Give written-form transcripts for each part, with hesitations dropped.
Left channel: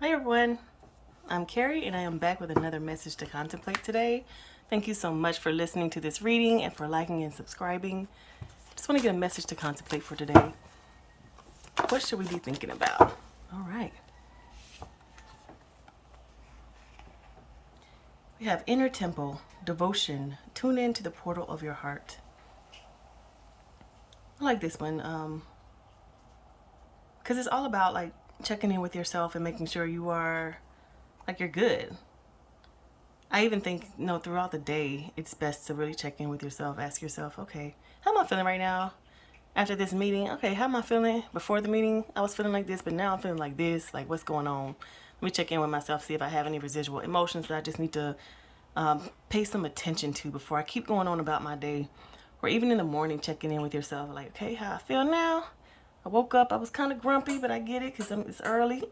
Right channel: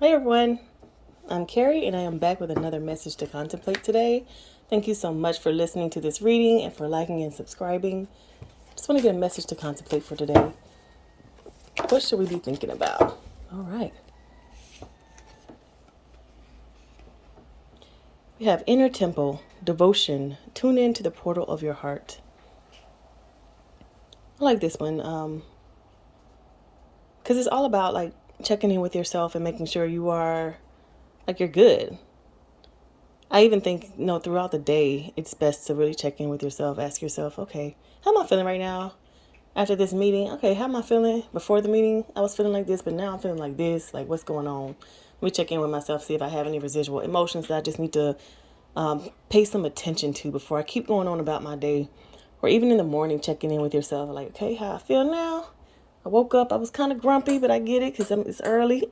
Hi everyone, I'm Carrie and I am back with another message to contemplate today. Thank you so much for listening to this reading and for liking and subscribing. Just want to get a message to contemplate for today. What should we be thinking about? All right. We have inner temple, devotion, tune in to the portal of your heart. I like this one because it's all about like checking in with yourself and making sure you are like you're good. I even think, throughout the day, it's best to really check in with yourself. Ask yourself, okay, how am I feeling right now? After this meeting, okay, how am I feeling? Before the meeting, I was feeling like this, but now I'm feeling like this. Like, what's going on? Let me check in with myself, see if I have any residual emotions that I just need to pay some attention to before I keep going on about my day. Or even in the morning, checking in with yourself, like, okay, how I feel now? I woke up, I was kind of grumpy, but I get it because it's early.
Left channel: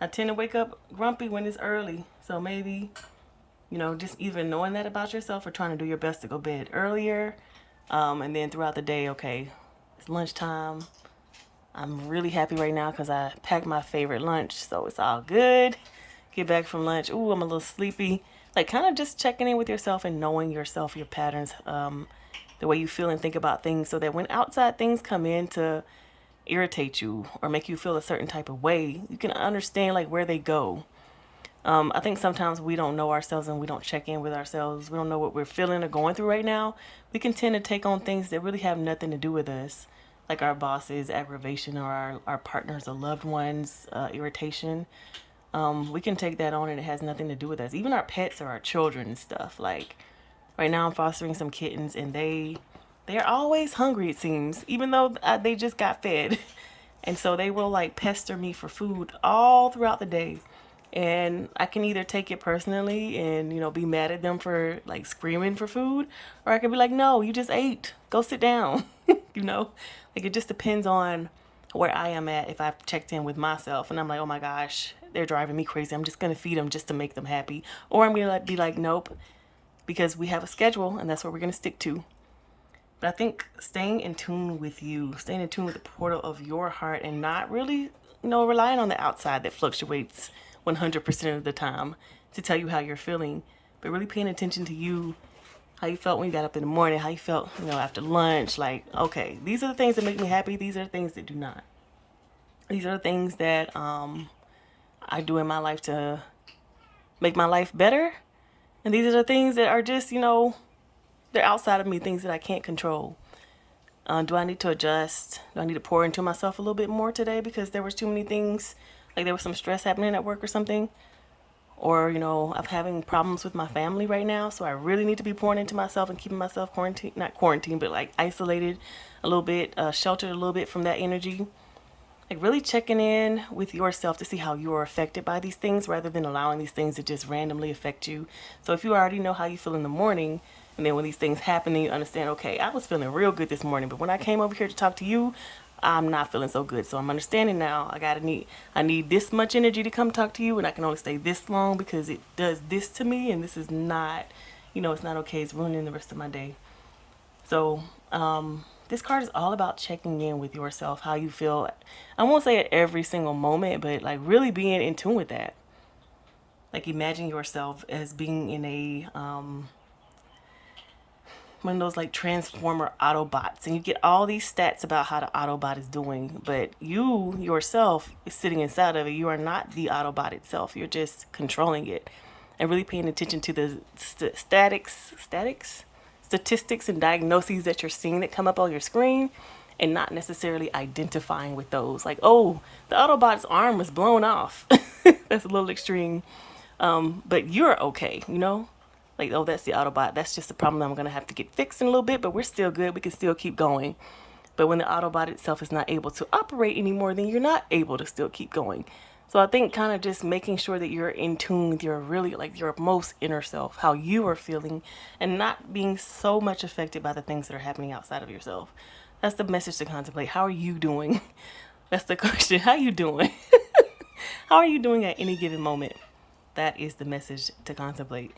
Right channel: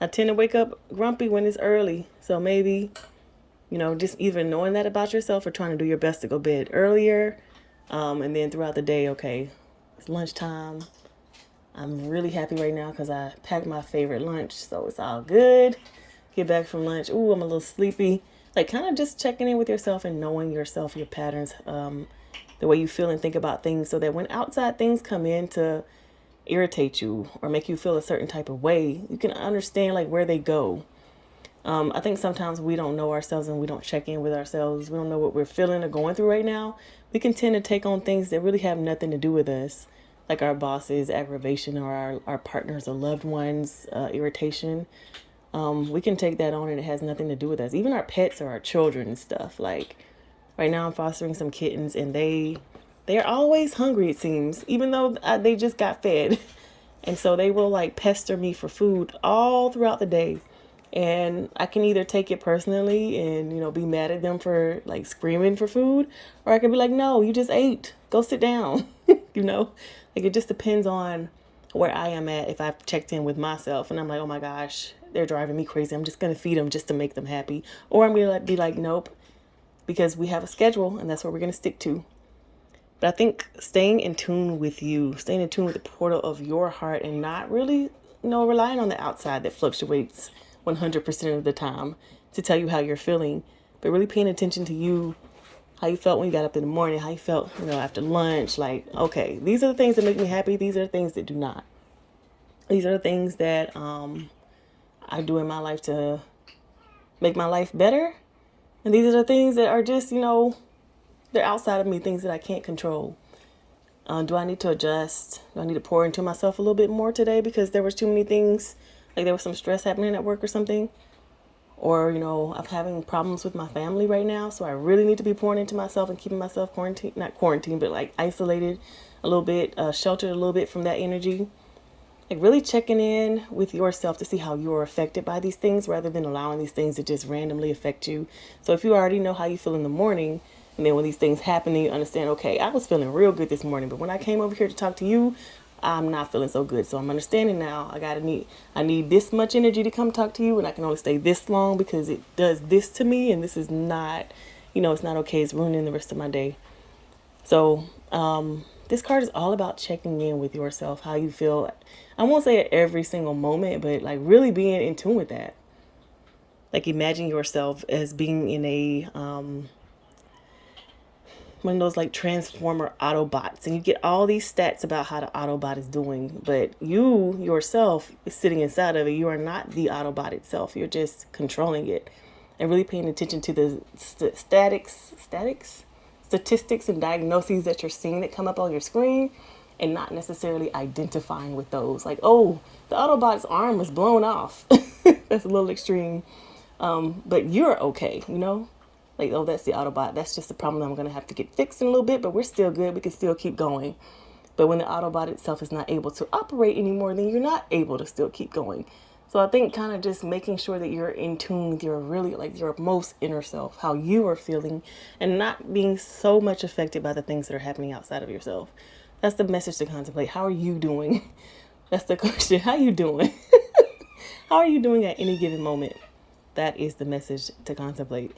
I tend to wake up grumpy when it's early. So maybe just even knowing that about yourself or trying to do your best to go to bed earlier. And then throughout the day, okay, it's lunchtime. I'm really happy right now because I packed my favorite lunch, so it's all good. Get back from lunch. Ooh, I'm a little sleepy. Like kind of just checking in with yourself and knowing yourself, your patterns, the way you feel and think about things so that when outside things come in to irritate you or make you feel a certain type of way, you can understand like where they go. I think sometimes we don't know ourselves and we don't check in with ourselves. We don't know what we're feeling or going through right now. We can tend to take on things that really have nothing to do with us, like our bosses' aggravation or our partners or loved ones' irritation. We can take that on and it has nothing to do with us. Even our pets or our children and stuff. Like right now, I'm fostering some kittens and they are always hungry. It seems, even though they just got fed, and so they will like pester me for food all throughout the day. And I can either take it personally and, be mad at them for like screaming for food, or I can be like, no, you just ate. Go sit down. Like it just depends on where I am at if I've checked in with myself and I'm like, oh my gosh, they're driving me crazy. I'm just going to feed them just to make them happy. Or I'm going to be like, nope, because we have a schedule and that's what we're going to stick to. But I think staying in tune with you, staying in tune with the portal of your heart and not really, relying on the outside that fluctuates 100% of the time to tell you how you're feeling, but really paying attention to you, how you felt when you got up in the morning, how you felt, after lunch. Like, okay, these are the things that make me happy. These are the things that do not. These are the things that I do in my life to make my life better. And these are the things that are just, they're outside of me, things that I can't control. Do I need to adjust? Do I need to pour into myself a little bit more today because there was too many things, like there was some stress happening at work or something? Or, I'm having problems with my family right now, so I really need to be pouring into myself and keeping myself quarantined, not quarantined, but like isolated a little bit, sheltered a little bit from that energy. Like really checking in with yourself to see how you are affected by these things rather than allowing these things to just randomly affect you. So if you already know how you feel in the morning, and then when these things happen, then you understand, okay, I was feeling real good this morning, but when I came over here to talk to you, I'm not feeling so good. So I'm understanding now. I need this much energy to come talk to you, and I can only stay this long because it does this to me, and this is not, it's not okay. It's ruining the rest of my day. So this card is all about checking in with yourself, how you feel. I won't say at every single moment, but like really being in tune with that. Like imagine yourself as being in a one of those like transformer Autobots, and you get all these stats about how the Autobot is doing, but you yourself is sitting inside of it. You are not the Autobot itself. You're just controlling it and really paying attention to the statistics and diagnoses that you're seeing that come up on your screen, and not necessarily identifying with those. Like, oh, the Autobot's arm was blown off. That's a little extreme. But you're okay. Like, oh, that's the Autobot. That's just the problem I'm going to have to get fixed in a little bit, but we're still good. We can still keep going. But when the Autobot itself is not able to operate anymore, then you're not able to still keep going. So I think kind of just making sure that you're in tune with your really like your most inner self, how you are feeling, and not being so much affected by the things that are happening outside of yourself. That's the message to contemplate. How are you doing? That's the question. How are you doing? How are you doing at any given moment? That is the message to contemplate.